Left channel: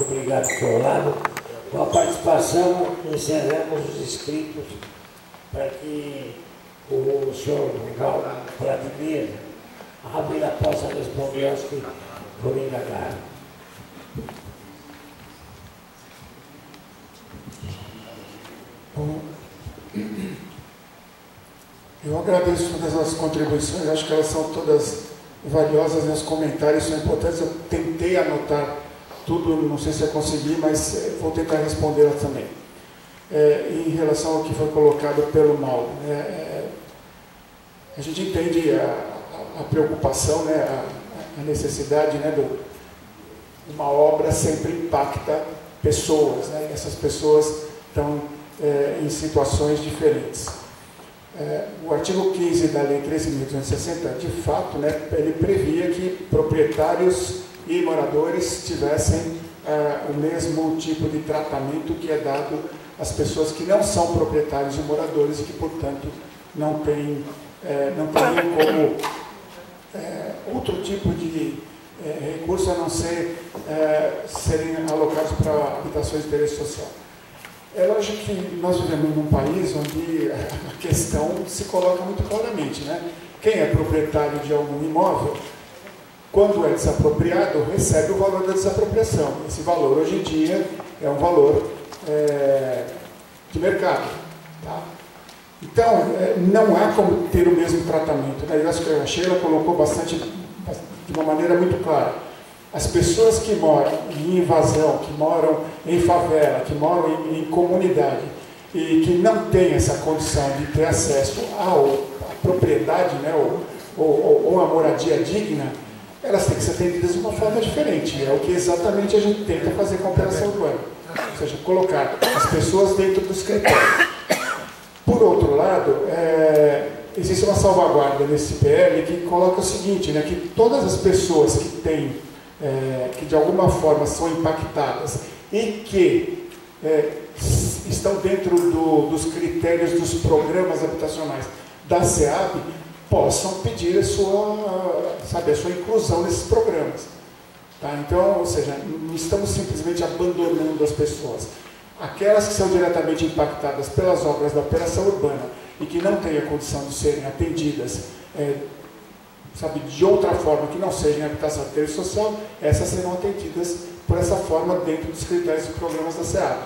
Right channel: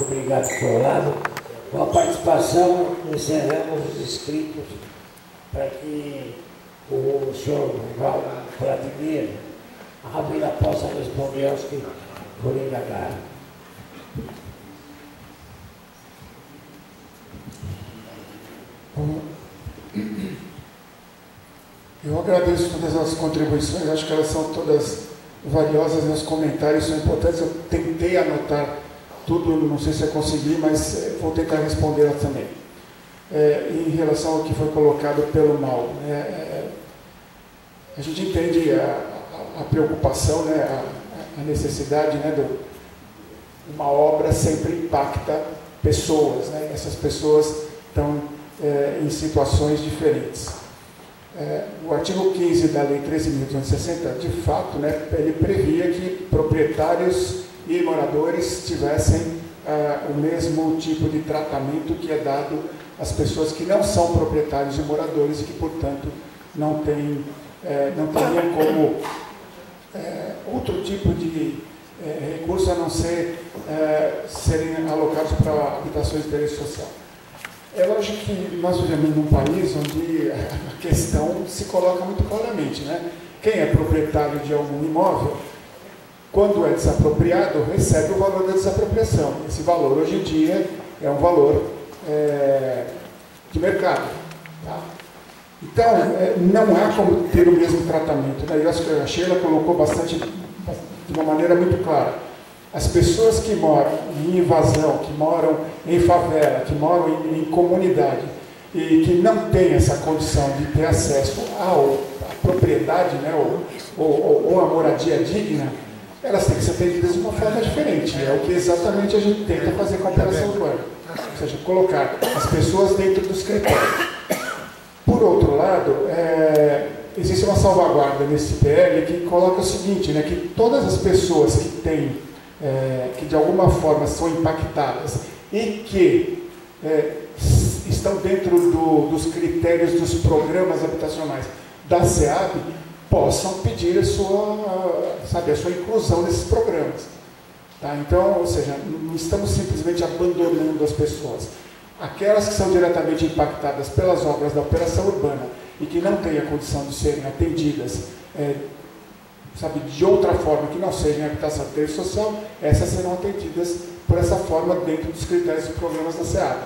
Obrigado por seu lado. Com a participação, encerramos os inscritos para que o senhor Vladimir Ávila possa responder aos que foram indagados. Eu agradeço todas as contribuições, acho que elas são todas valiosas, e os comentários são importantes. Eu tentei anotar tudo, não sei se eu consegui, mas vou tentar respondê-las também. Em relação ao que foi colocado pelo Mauro, a gente entende a preocupação, a necessidade, uma obra sempre impacta pessoas, e essas pessoas estão em situações diferentes. O artigo 15 da Lei 13.260, de fato, ele previa que proprietários e moradores tivessem o mesmo tipo de tratamento que é dado às pessoas que não são proprietários e moradores e que, portanto, não teriam como outro tipo de recurso a não ser serem alocados para habitações de interesse social. É lógico que nós vivemos num país onde a questão se coloca muito claramente, Quem é proprietário de algum imóvel, quando é desapropriado, recebe o valor da desapropriação. Esse valor, hoje em dia, é um valor de mercado. Tá? Então, não há como ter o mesmo tratamento. Eu acho que a Sheila colocou de uma maneira muito clara. As pessoas que moram em invasão, que moram em favela, que moram em comunidade e que não têm essa condição de ter acesso à propriedade, ou à moradia digna, elas têm que ser atendidas de uma forma diferente. É o que exatamente a gente tenta fazer com a operação urbana. Ou seja, colocar as pessoas dentro dos critérios. Por outro lado, existe uma salvaguarda nesse PL que coloca o seguinte, que todas as pessoas que têm que de alguma forma são impactadas e que estão dentro dos critérios dos programas habitacionais da SEAB possam pedir a sua inclusão nesses programas. Tá? Então, ou seja, não estamos simplesmente abandonando as pessoas. Aquelas que são diretamente impactadas pelas obras da operação urbana e que não têm a condição de serem atendidas de outra forma que não seja em habitação de interesse social, essas serão atendidas por essa forma dentro dos critérios dos programas da SEAB.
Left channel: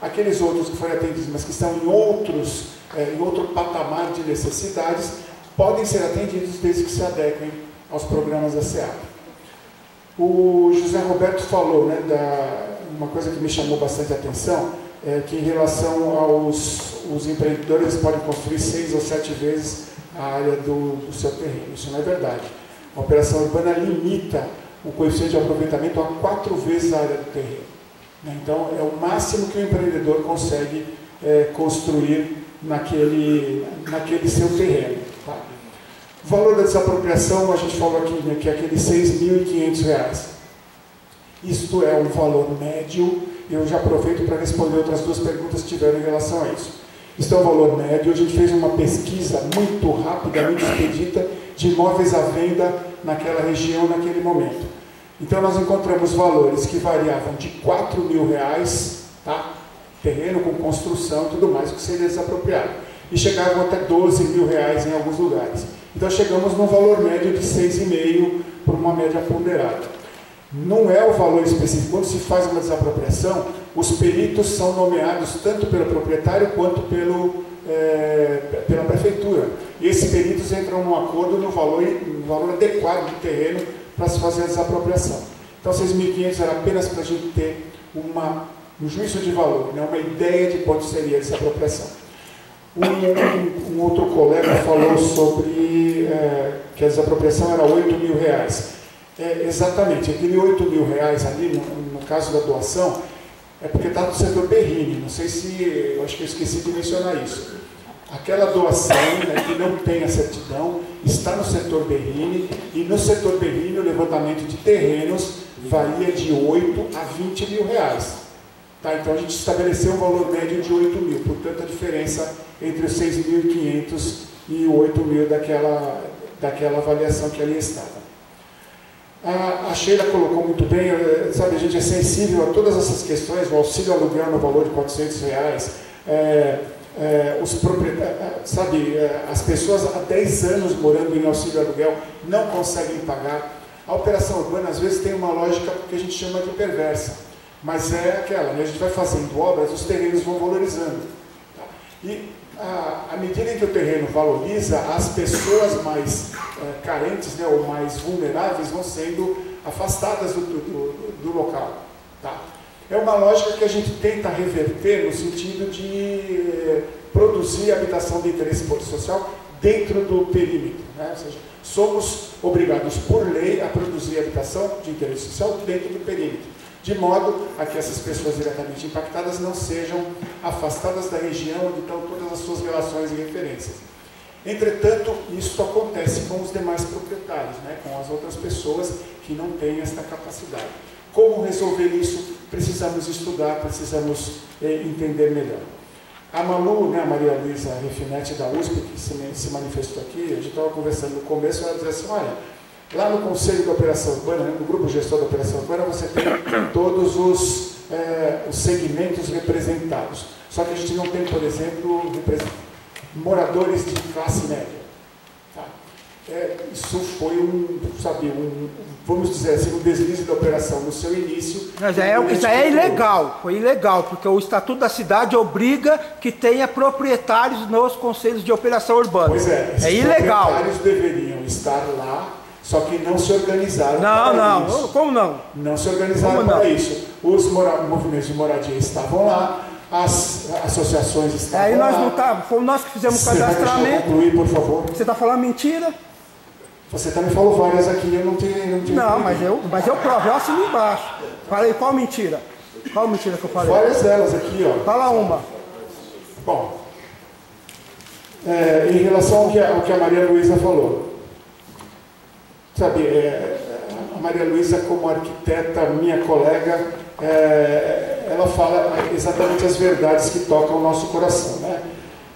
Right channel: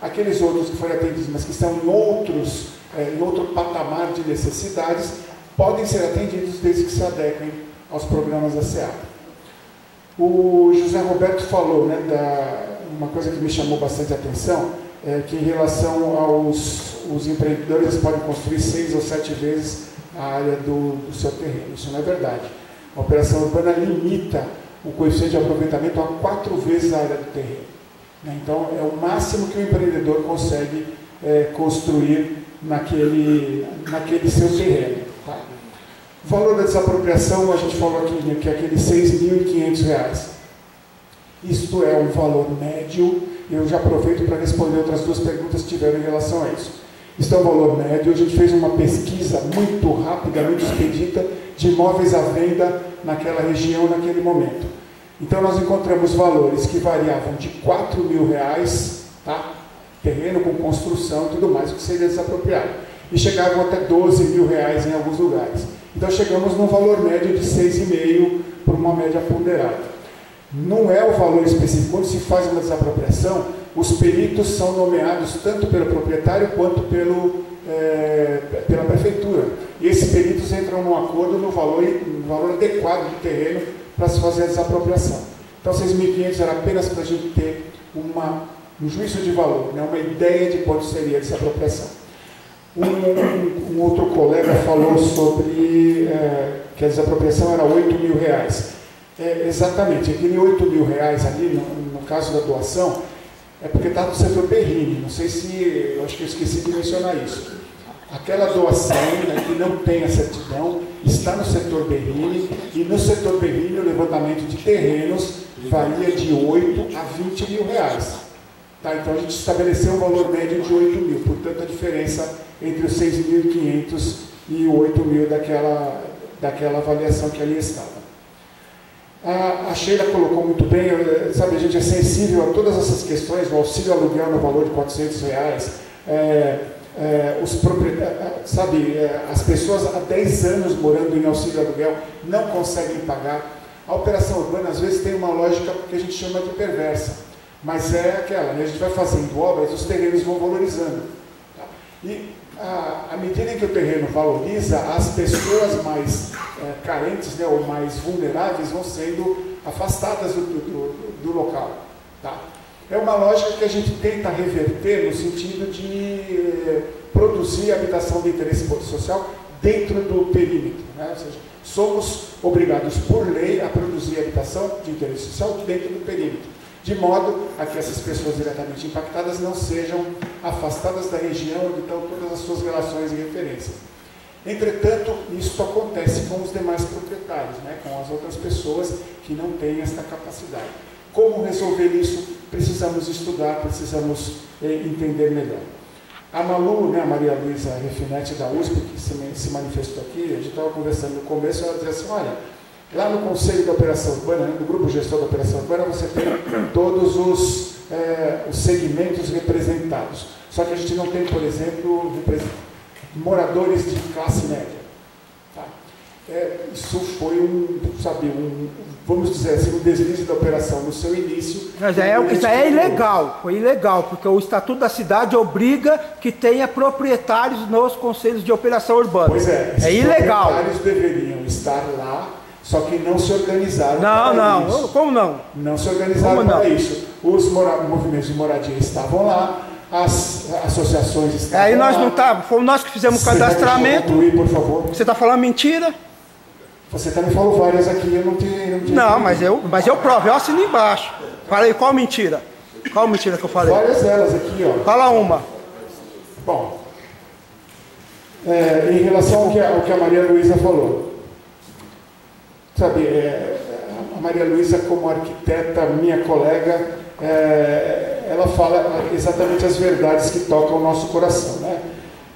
Aqueles outros que forem atendidos, mas que estão em outro patamar de necessidades, podem ser atendidos desde que se adequem aos programas da SEAB. O José Roberto falou, uma coisa que me chamou bastante atenção, que em relação aos empreendedores, eles podem construir 6 ou 7 vezes a área do seu terreno. Isso não é verdade. A operação urbana limita o coeficiente de aproveitamento a 4 vezes a área do terreno. Então, é o máximo que o empreendedor consegue construir naquele seu terreno. Tá? O valor da desapropriação, a gente falou aqui, que é aqueles R$ 6.500. Isto é um valor médio. Eu já aproveito para responder outras 2 perguntas que tiveram em relação a isso. Isso é um valor médio. A gente fez uma pesquisa muito rápida, muito expedita, de imóveis à venda naquela região, naquele momento. Então, nós encontramos valores que variavam de R$ 4.000, tá? Terreno com construção e tudo mais, que seria desapropriado. E chegavam até R$ 12.000 em alguns lugares. Então, chegamos num valor médio de 6,5 por uma média ponderada. Não é o valor específico. Quando se faz uma desapropriação, os peritos são nomeados tanto pelo proprietário quanto pela prefeitura. E esses peritos entram num acordo no valor adequado do terreno para se fazer a desapropriação. Então, 6.500 era apenas para a gente ter um juízo de valor, uma ideia de quanto seria a desapropriação. Um outro colega falou sobre que a desapropriação era R$ 8.000. Exatamente, aquele R$ 8.000 ali, no caso da doação, é porque está no setor Berrini. Não sei se, eu acho que eu esqueci de mencionar isso. Aquela doação que não tem a certidão está no setor Berrini, e no setor Berrini o levantamento de terrenos varia de 8 a 20 mil reais. Tá? Então a gente estabeleceu um valor médio de 8 mil, portanto a diferença entre os 6.500 e o 8 mil daquela avaliação que ali estava. A Sheila colocou muito bem, sabe, gente é sensível a todas essas questões, o auxílio aluguel no valor de R$400, os proprietários, sabe, as pessoas há 10 anos morando em auxílio aluguel não conseguem pagar. A operação urbana às vezes tem uma lógica que a gente chama de perversa, mas é aquela, né? A gente vai fazendo obras, os terrenos vão valorizando. Tá? E à medida em que o terreno valoriza, as pessoas mais carentes, né, ou mais vulneráveis vão sendo afastadas do local. Tá? É uma lógica que a gente tenta reverter no sentido de produzir habitação de interesse social dentro do perímetro. Né? Ou seja, somos obrigados por lei a produzir habitação de interesse social dentro do perímetro, de modo a que essas pessoas diretamente impactadas não sejam afastadas da região onde estão todas as suas relações e referências. Entretanto, isso acontece com os demais proprietários, né? Com as outras pessoas que não têm essa capacidade. Como resolver isso? Precisamos estudar, precisamos entender melhor. A Malu, né, a Maria Luísa Refinetti da USP, que se manifestou aqui, a gente estava conversando no começo, ela dizia assim, olha, lá no Conselho da Operação Urbana, né, no Grupo Gestor da Operação Urbana, você tem todos os segmentos representados. Só que a gente não tem, por exemplo, moradores de classe média. Tá? Isso foi vamos dizer assim, um deslize da operação no seu início. Mas isso é ilegal, foi ilegal, porque o Estatuto da Cidade obriga que tenha proprietários nos conselhos de operação urbana. Pois é, é ilegal. Os proprietários deveriam estar lá, só que não se organizaram para isso. Não, como não? Não se organizaram para isso. Os movimentos de moradia estavam lá, as associações estavam aí nós lá. Não estávamos, fomos nós que fizemos o cadastramento. Concluir, por favor. Você está falando mentira? Você também falou várias aqui, eu não tinha. Não, mas eu provo, eu assino embaixo. Falei, qual mentira? Qual mentira que eu falei? Várias delas aqui, ó. Fala uma. Bom, em relação ao que a Maria Luísa falou, sabe, a Maria Luísa, como arquiteta, minha colega, ela fala exatamente as verdades que tocam o nosso coração, né?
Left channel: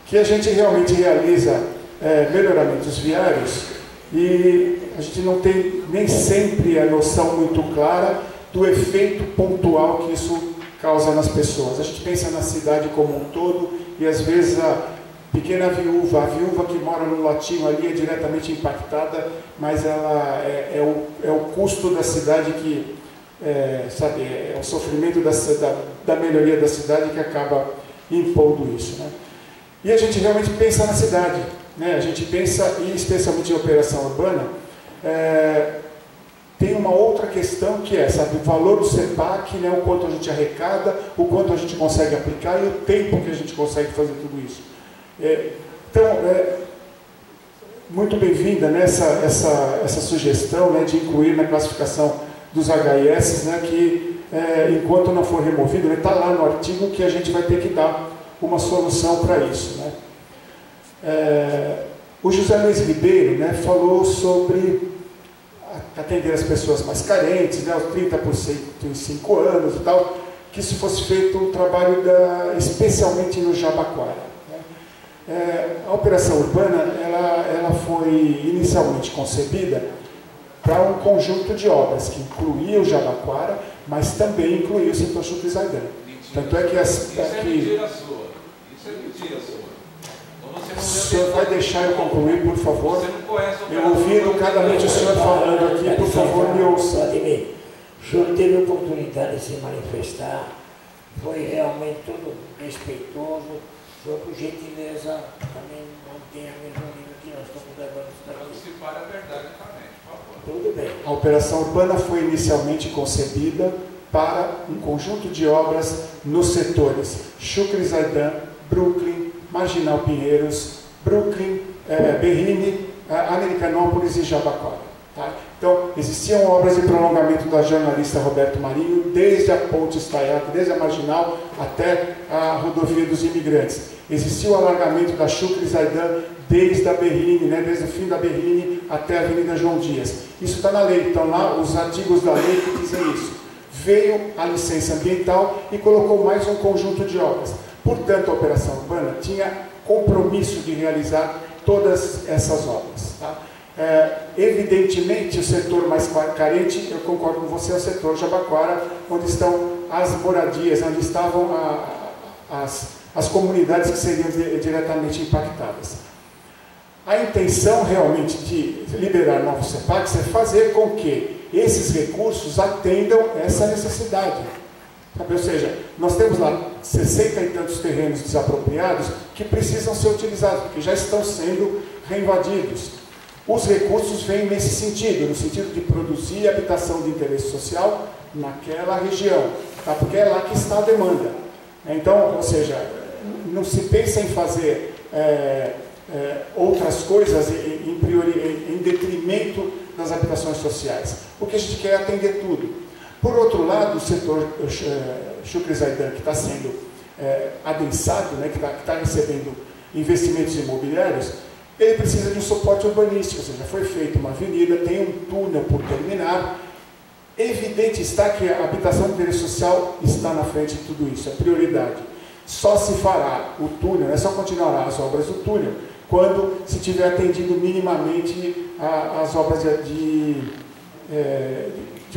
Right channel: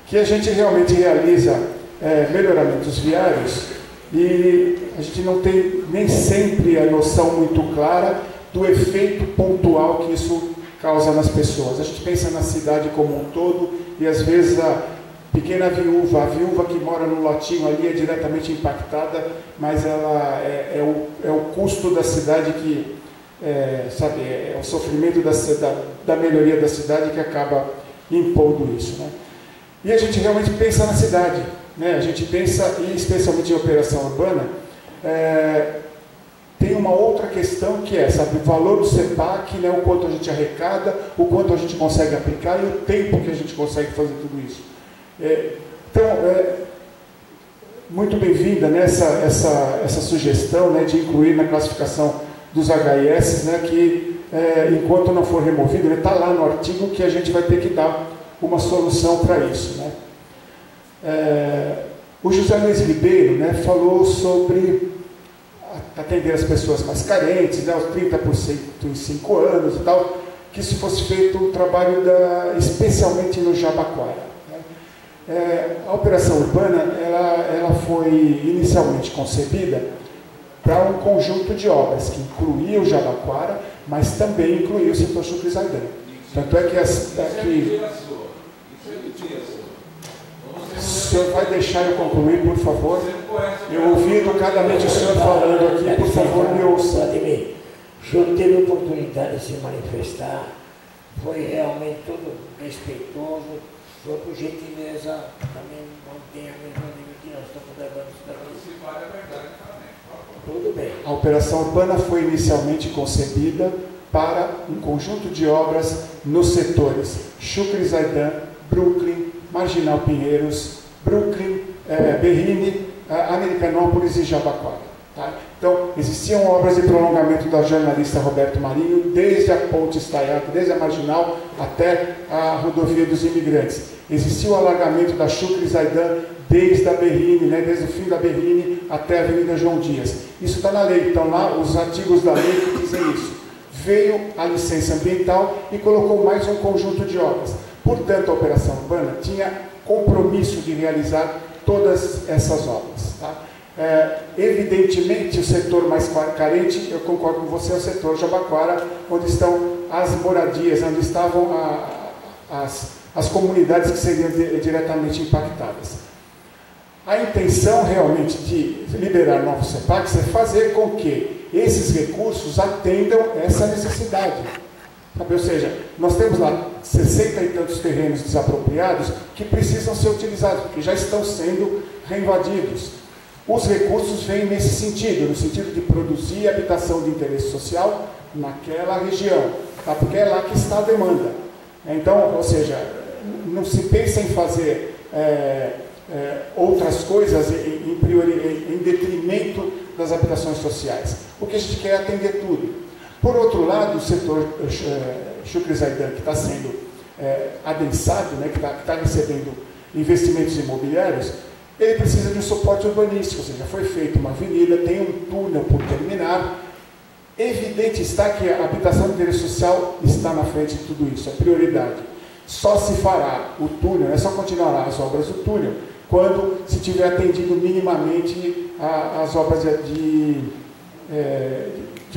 Que a gente realmente realiza melhoramentos viários e a gente não tem nem sempre a noção muito clara do efeito pontual que isso causa nas pessoas. A gente pensa na cidade como um todo e às vezes a pequena viúva, a viúva que mora no lotinho ali é diretamente impactada, mas ela é o custo da cidade que, sabe, é o sofrimento da melhoria da cidade que acaba impondo isso, né? E a gente realmente pensa na cidade, né? A gente pensa, e especialmente em operação urbana, tem uma outra questão que é, sabe, o valor do CEPAC, né, o quanto a gente arrecada, o quanto a gente consegue aplicar e o tempo que a gente consegue fazer tudo isso. Então, muito bem-vinda, né, essa sugestão, né, de incluir na classificação dos HIS, né, que enquanto não for removido, está lá no artigo que a gente vai ter que dar uma solução para isso, né. O José Luiz Ribeiro, né, falou sobre atender as pessoas mais carentes, né, os 30% em 5 anos e tal, que se fosse feito um trabalho especialmente no Jabaquara. Né. A operação urbana ela foi inicialmente concebida para um conjunto de obras que incluía o Jabaquara, mas também incluía o setor Chucrizaidan. Tanto é que o senhor vai deixar eu concluir, por favor? Eu ouvi educadamente o senhor falando aqui, por favor, me ouça. O senhor teve a oportunidade de se manifestar, foi realmente todo respeitoso, o senhor, por gentileza, também mantém a mesma nível que nós estamos levando isso daqui. Se para a verdade também, por favor. Tudo bem. A operação urbana foi inicialmente concebida para um conjunto de obras nos setores Chucrizaidan, Brooklyn, Marginal Pinheiros, Brooklyn, Berrini, Americanópolis e Jabaquara. Tá? Então, existiam obras de prolongamento da jornalista Roberto Marinho, desde a Ponte Estaiato, desde a Marginal até a Rodovia dos Imigrantes. Existia o alargamento da Chucrizaidan desde a Berrini, né, desde o fim da Berrini até a Avenida João Dias. Isso está na lei, então lá os artigos da lei que dizem isso. Veio a licença ambiental e colocou mais um conjunto de obras. Portanto, a operação urbana tinha compromisso de realizar todas essas obras. Tá? Evidentemente, o setor mais carente, eu concordo com você, é o setor Jabaquara, onde estão as moradias, onde estavam as comunidades que seriam diretamente impactadas. A intenção realmente de liberar novos CEPACs é fazer com que esses recursos atendam essa necessidade. Ou seja, nós temos lá 60 e tantos terrenos desapropriados que precisam ser utilizados, porque já estão sendo reinvadidos. Os recursos vêm nesse sentido, no sentido de produzir habitação de interesse social naquela região, tá? Porque é lá que está a demanda. Então, ou seja, não se pensa em fazer outras coisas em detrimento das habitações sociais. O que a gente quer é atender tudo. Por outro lado, o setor Shukri Zaidan, que está sendo adensado, né, que está recebendo investimentos imobiliários, ele precisa de um suporte urbanístico, ou seja, foi feita uma avenida, tem um túnel por terminar. Evidente está que a habitação de interesse social está na frente de tudo isso, é prioridade. Só se fará o túnel, só continuará as obras do túnel, quando se tiver atendido minimamente as obras de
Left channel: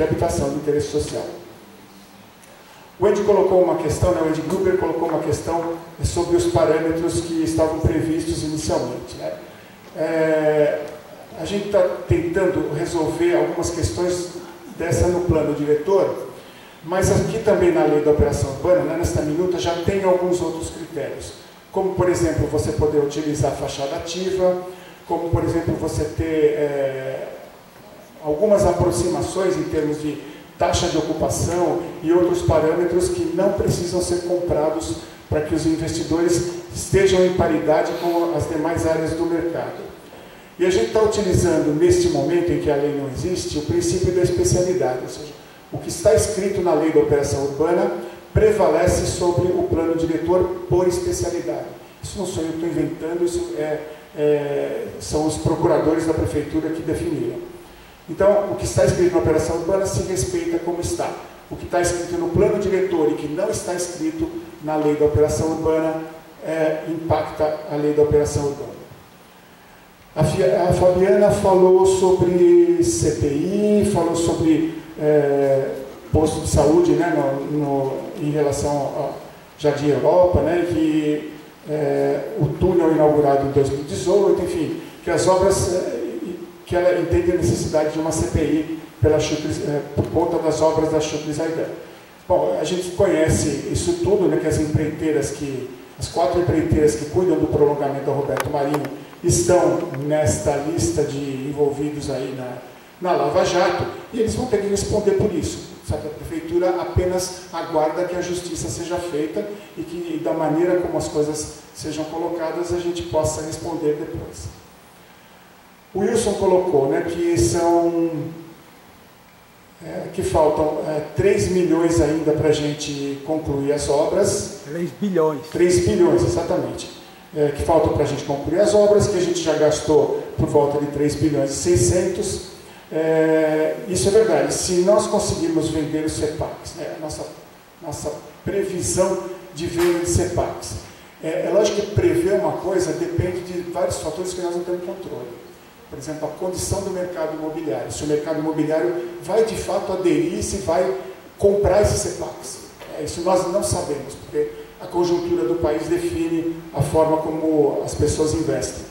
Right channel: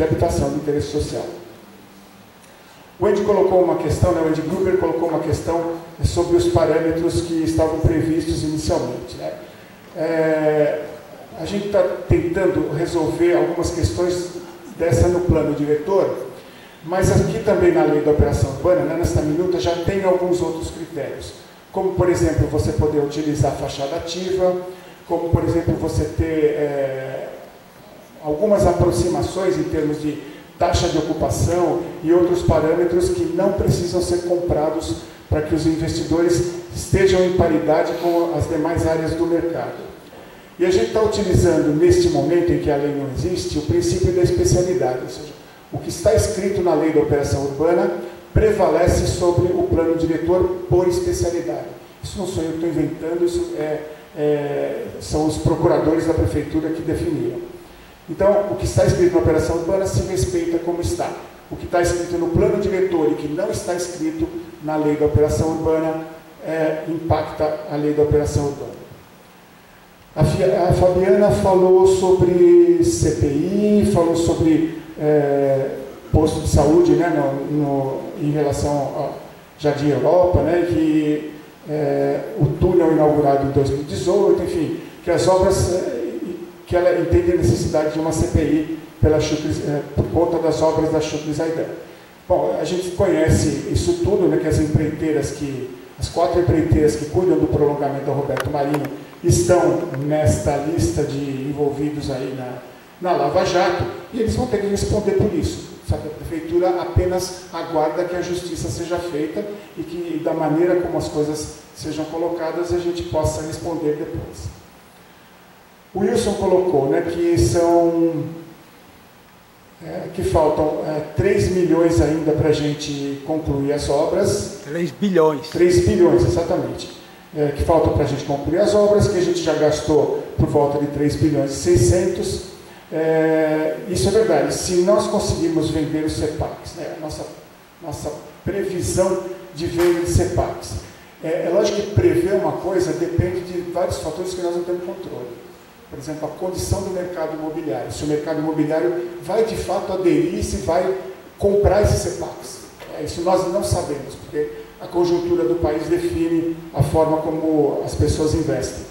habitação de interesse social. O Andy colocou uma questão, né, o Andy Gruber colocou uma questão sobre os parâmetros que estavam previstos inicialmente. Né? A gente está tentando resolver algumas questões dessa no plano diretor, mas aqui também na lei da operação urbana, né, nesta minuta, já tem alguns outros critérios, como, por exemplo, você poder utilizar a fachada ativa, como, por exemplo, você ter algumas aproximações em termos de taxa de ocupação e outros parâmetros que não precisam ser comprados para que os investidores estejam em paridade com as demais áreas do mercado. E a gente está utilizando, neste momento em que a lei não existe, o princípio da especialidade, ou seja, o que está escrito na lei da operação urbana prevalece sobre o plano diretor por especialidade. Isso não sou eu que estou inventando, isso são os procuradores da prefeitura que definiram. Então, o que está escrito na operação urbana se respeita como está. O que está escrito no plano diretor e que não está escrito na lei da operação urbana impacta a lei da operação urbana. A Fabiana falou sobre CPI, falou sobre posto de saúde, né, em relação ao Jardim Europa, né, que o túnel inaugurado em 2018, enfim, que as obras, que ela entende a necessidade de uma CPI por conta das obras da Shukri Zaidan. Bom, a gente conhece isso tudo, né, que as 4 empreiteiras que cuidam do prolongamento da Roberto Marinho estão nesta lista de envolvidos aí na Lava Jato, e eles vão ter que responder por isso. Sabe? A prefeitura apenas aguarda que a justiça seja feita e que, da maneira como as coisas sejam colocadas, a gente possa responder depois. O Wilson colocou, né, que faltam 3 milhões ainda para a gente concluir as obras. 3 bilhões. 3 bilhões, exatamente. Que faltam para a gente concluir as obras, que a gente já gastou por volta de 3 bilhões e 600. Isso é verdade. Se nós conseguirmos vender os CEPACs, né, a nossa previsão de venda de CEPACs. É lógico que prever uma coisa depende de vários fatores que nós não temos controle. Por exemplo, a condição do mercado imobiliário. Se o mercado imobiliário vai de fato aderir, se vai comprar esses CEPACs. Isso nós não sabemos, porque a conjuntura do país define a forma como as pessoas investem.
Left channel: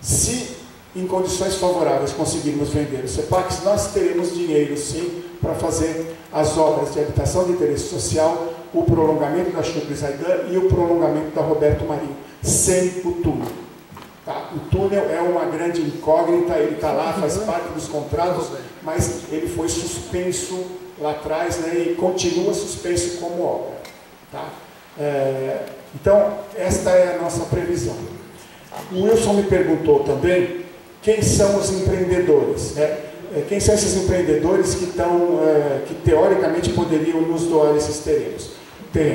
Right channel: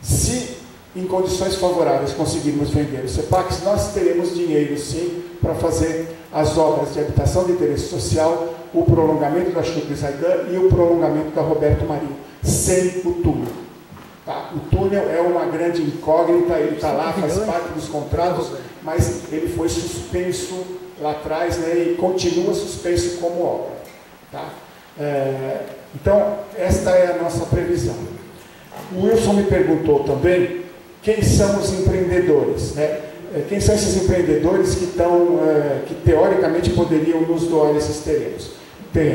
Se em condições favoráveis conseguirmos vender os CEPACs, nós teremos dinheiro sim para fazer as obras de habitação de interesse social, o prolongamento da Shukri Zaidan e o prolongamento da Roberto Marinho, sem o túnel. Tá? O túnel é uma grande incógnita, ele está lá, faz parte dos contratos, mas ele foi suspenso lá atrás, né, e continua suspenso como obra. Tá? Então, esta é a nossa previsão. O Wilson me perguntou também quem são os empreendedores. Né? Quem são esses empreendedores que teoricamente poderiam nos doar esses terrenos?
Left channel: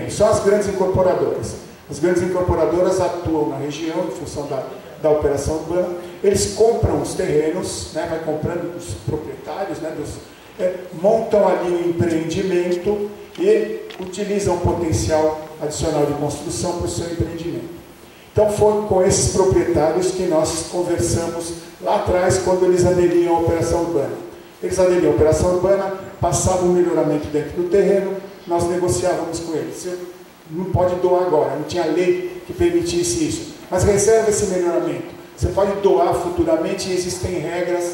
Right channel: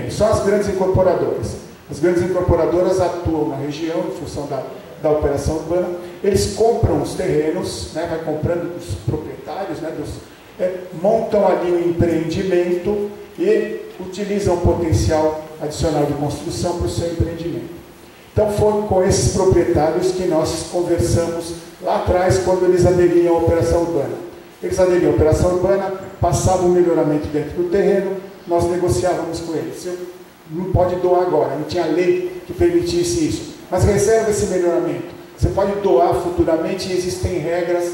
São as grandes incorporadoras. As grandes incorporadoras atuam na região em função da operação urbana, eles compram os terrenos, né, vai comprando dos proprietários, né, montam ali um empreendimento e utilizam o potencial adicional de construção para o seu empreendimento. Então foi com esses proprietários que nós conversamos lá atrás, quando eles aderiam à operação urbana. Eles aderiam à operação urbana, passavam um melhoramento dentro do terreno, nós negociávamos com eles. Você não pode doar agora, não tinha lei que permitisse isso, mas reserva esse melhoramento. Você pode doar futuramente e existem regras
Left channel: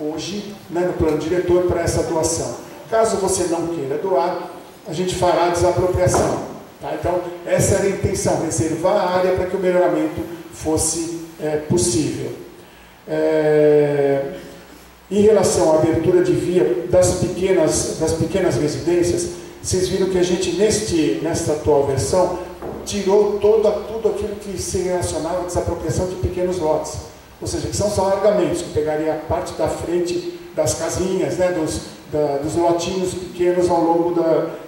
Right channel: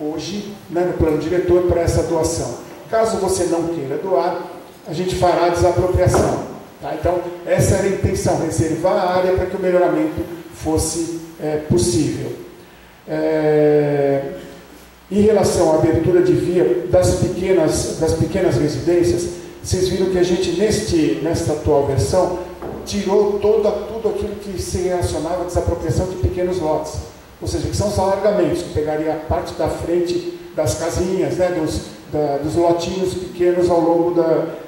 hoje, né, no plano diretor para essa doação. Caso você não queira doar, a gente fará a desapropriação. Tá? Então, essa era a intenção, reservar a área para que o melhoramento fosse possível. Em relação à abertura de via das pequenas residências, vocês viram que a gente, nesta atual versão, tirou tudo aquilo que se relacionava à desapropriação de pequenos lotes. Ou seja, que são os alargamentos, que pegaria a parte da frente das casinhas, né, dos lotinhos pequenos ao longo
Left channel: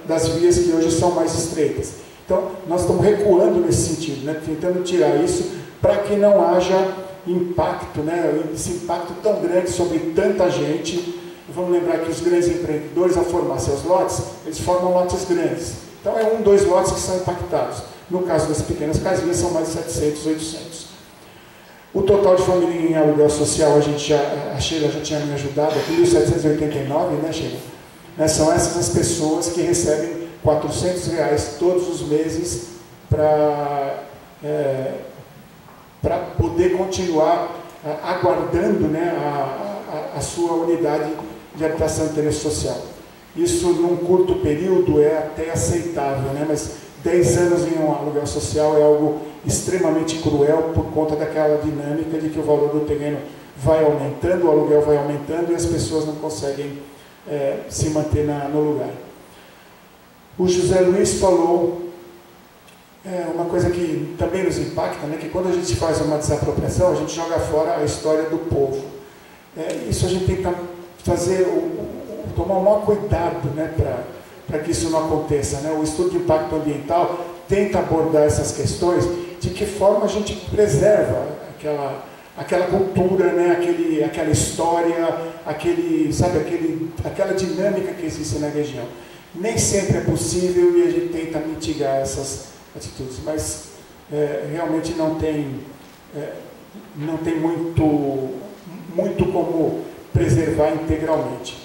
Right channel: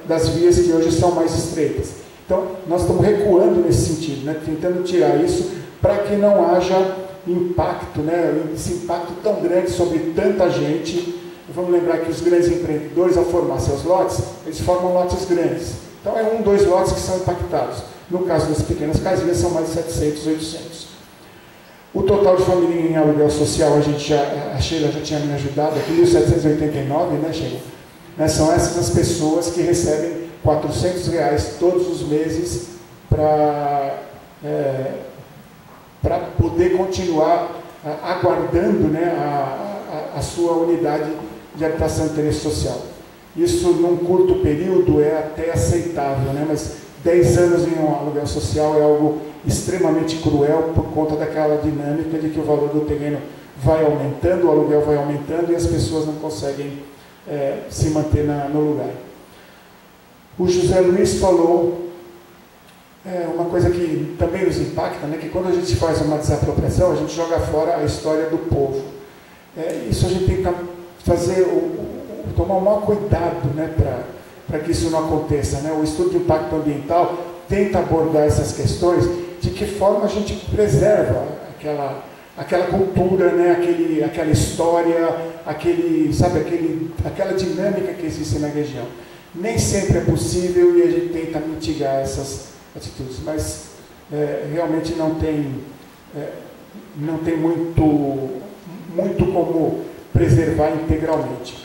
das vias que hoje são mais estreitas. Então, nós estamos recuando nesse sentido, né, tentando tirar isso para que não haja impacto, né, esse impacto tão grande sobre tanta gente. E vamos lembrar que os grandes empreendedores, ao formar seus lotes, eles formam lotes grandes. Então, é 1, 2 lotes que são impactados. No caso das pequenas casinhas, são mais de 700, 800. O total de família em aluguel social, a Sheila já tinha me ajudado, aqui 1.789, né, Sheila? Né, são essas as pessoas que recebem R$400 todos os meses para poder continuar aguardando, né, a sua unidade de habitação de interesse social. Isso, num curto período, é até aceitável, né, mas 10 anos em um aluguel social é algo extremamente cruel por conta daquela dinâmica de que o valor do terreno vai aumentando, o aluguel vai aumentando e as pessoas não conseguem se manter no lugar. O José Luiz falou uma coisa que também nos impacta, né, que quando a gente faz uma desapropriação, a gente joga fora a história do povo. Isso a gente tem que fazer, tomar um maior cuidado, né, para que isso não aconteça, né? O estudo de impacto ambiental tenta abordar essas questões, de que forma a gente preserva aquela cultura, né? aquela história, aquela dinâmica que existe na região. Nem sempre é possível e a gente tenta mitigar essas atitudes, mas realmente não tem muito como preservar integralmente.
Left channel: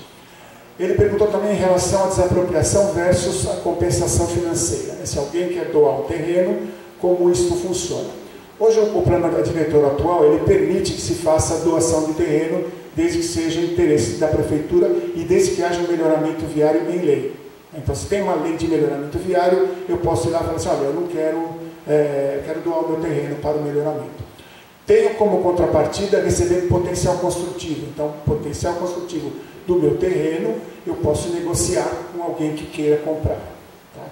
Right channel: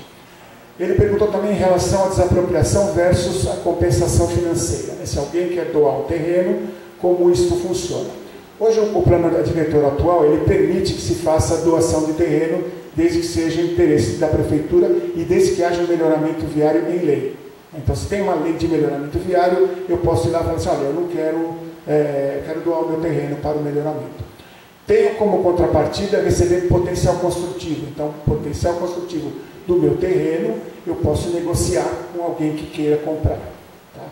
Ele perguntou também em relação à desapropriação versus a compensação financeira. Se alguém quer doar um terreno, como isso funciona. Hoje o plano diretor atual, ele permite que se faça a doação de terreno, desde que seja interesse da prefeitura e desde que haja um melhoramento viário em lei. Então, se tem uma lei de melhoramento viário, eu posso ir lá e falar assim, olha, eu não quero doar o meu terreno para o melhoramento. Tenho como contrapartida receber potencial construtivo. Então, potencial construtivo do meu terreno, eu posso negociar com alguém que queira comprar. Tá?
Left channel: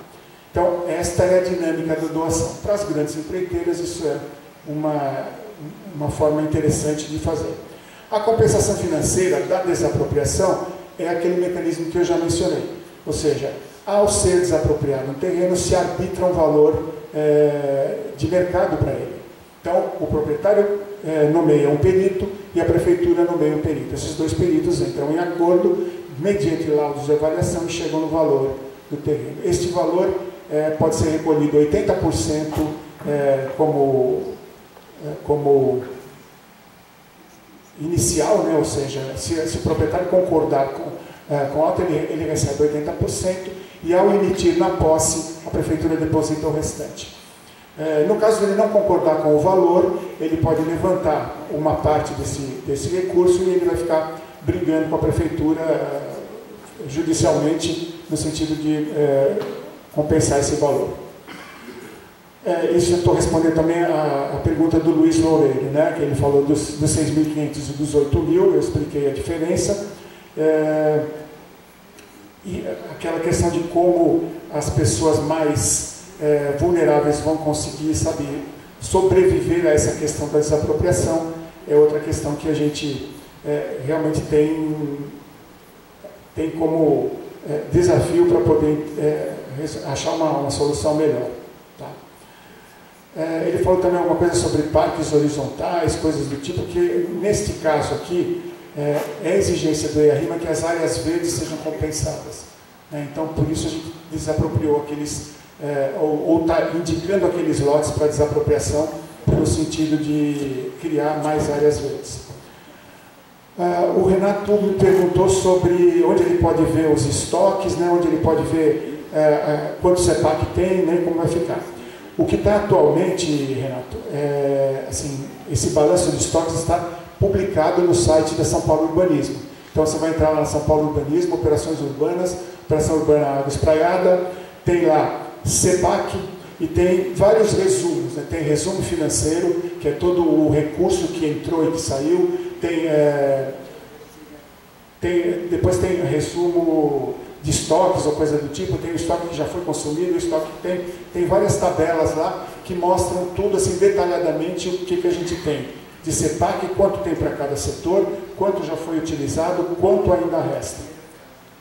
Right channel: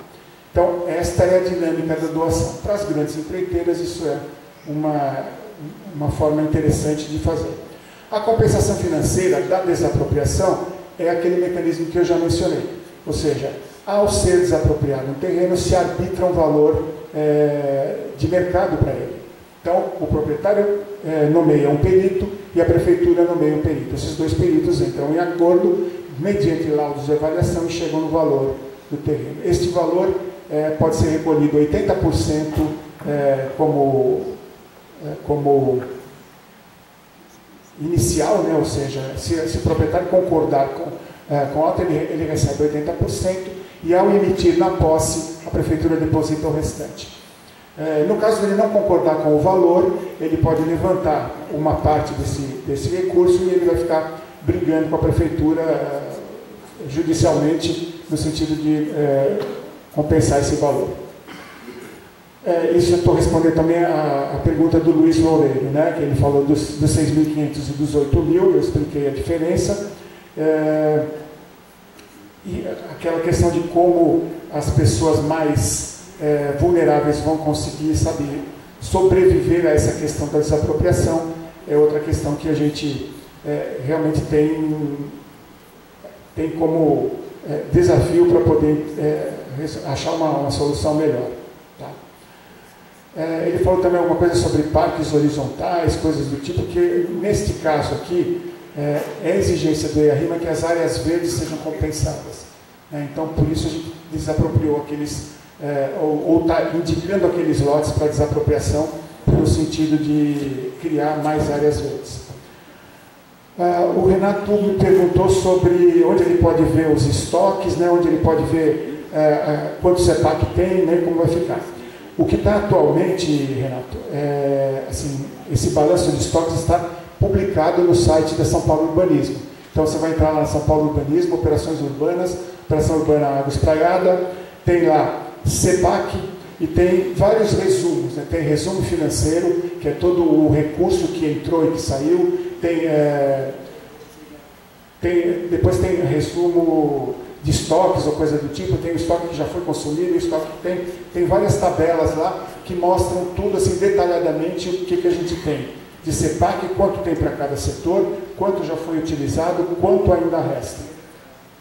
Então, esta é a dinâmica da doação. Para as grandes empreiteiras, isso é uma forma interessante de fazer. A compensação financeira da desapropriação é aquele mecanismo que eu já mencionei. Ou seja, ao ser desapropriado um terreno, se arbitra um valor de mercado para ele. Então, o proprietário nomeia um perito e a prefeitura nomeia um perito. Esses dois peritos entram em acordo, mediante laudos de avaliação, e chegam no valor do terreno. Este valor pode ser recolhido 80% como inicial, né? Ou seja, se o proprietário concordar com a alta, ele recebe 80%, e ao emitir na posse, a prefeitura deposita o restante. No caso de ele não concordar com o valor, ele pode levantar uma parte desse recurso e ele vai ficar brigando com a prefeitura judicialmente, no sentido de compensar esse valor. Isso eu estou respondendo também a pergunta do Luiz Loureiro, né, que ele falou dos 6.500 e dos 8.000, eu expliquei a diferença. E aquela questão de como as pessoas mais vulneráveis vão conseguir, sobreviver a essa questão da desapropriação, é outra questão que a gente realmente tem como desafio para poder achar uma solução melhor. Tá? Ele falou também alguma coisa sobre parques horizontais, coisas do tipo, que neste caso aqui é exigência do EARIMA que as áreas verdes sejam compensadas. Então, por isso a gente desapropriou aqueles, ou está indicando aqueles lotes para desapropriação, pelo sentido de criar mais áreas verdes. O Renato me perguntou sobre onde ele pode ver os estoques, né, onde ele pode ver quanto CEPAC tem, né, como vai ficar. O que está atualmente, Renato, assim, esse balanço de estoques está publicado no site da São Paulo Urbanismo. Então você vai entrar lá na São Paulo Urbanismo, Operações Urbanas, Operação Urbana Água Espraiada, tem lá CEPAC e tem vários resumos, né? Tem resumo financeiro, que é todo o recurso que entrou e que saiu, depois tem resumo de estoques ou coisa do tipo, tem o estoque que já foi consumido, o estoque que tem várias tabelas lá que mostram tudo assim detalhadamente o que a gente tem de CEPAC, quanto tem para cada setor, quanto já foi utilizado, quanto ainda resta.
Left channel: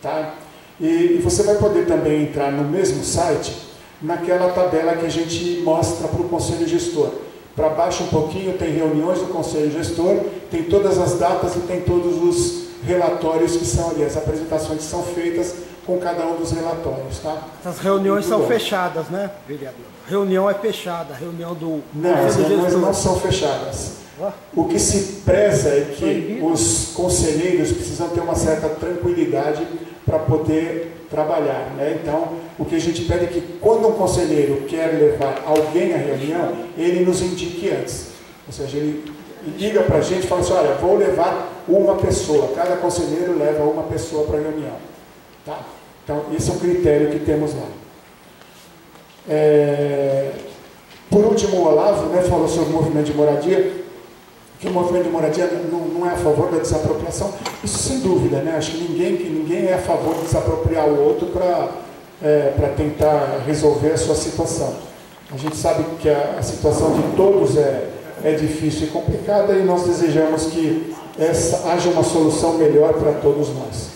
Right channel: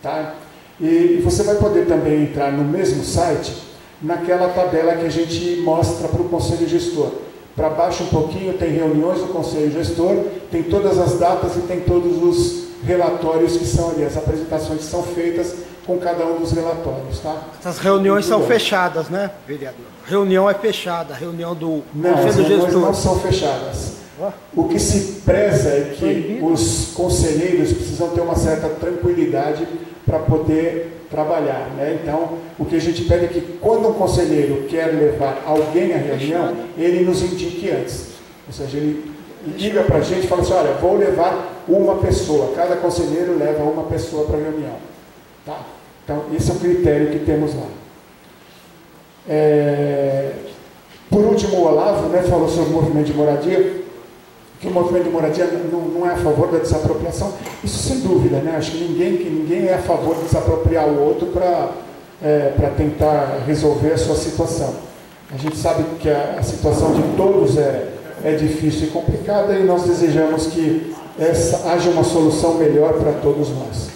Tá? E você vai poder também entrar no mesmo site, naquela tabela que a gente mostra para o Conselho Gestor. Para baixo um pouquinho tem reuniões do Conselho Gestor, tem todas as datas e tem todos os relatórios que são ali, as apresentações que são feitas com cada um dos relatórios. Tá? Essas reuniões são fechadas, né, vereador? Reunião é fechada, reunião do Conselho Gestor. Não, as reuniões não são fechadas. O que se preza é que os conselheiros precisam ter uma certa tranquilidade para poder trabalhar, né? Então, o que a gente pede é que quando um conselheiro quer levar alguém à reunião, ele nos indique antes. Ou seja, ele liga para a gente e fala assim, olha, vou levar uma pessoa, cada conselheiro leva uma pessoa para a reunião. Tá? Então, esse é o critério que temos lá. Por último, o Olavo, né, falou sobre o movimento de moradia, que o movimento de moradia não é a favor da desapropriação. Isso sem dúvida, né? Acho que ninguém é a favor de desapropriar o outro para tentar resolver a sua situação. A gente sabe que a situação de todos é difícil e complicada e nós desejamos que haja uma solução melhor para todos nós.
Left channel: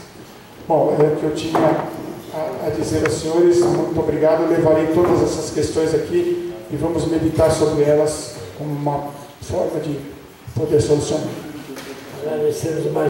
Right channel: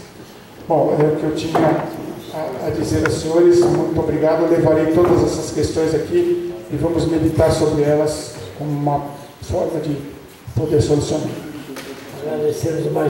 Bom, é o que eu tinha a dizer aos senhores. Muito obrigado. Eu levarei todas essas questões aqui e vamos meditar sobre elas como uma forma de poder solucionar. Agradecemos mais.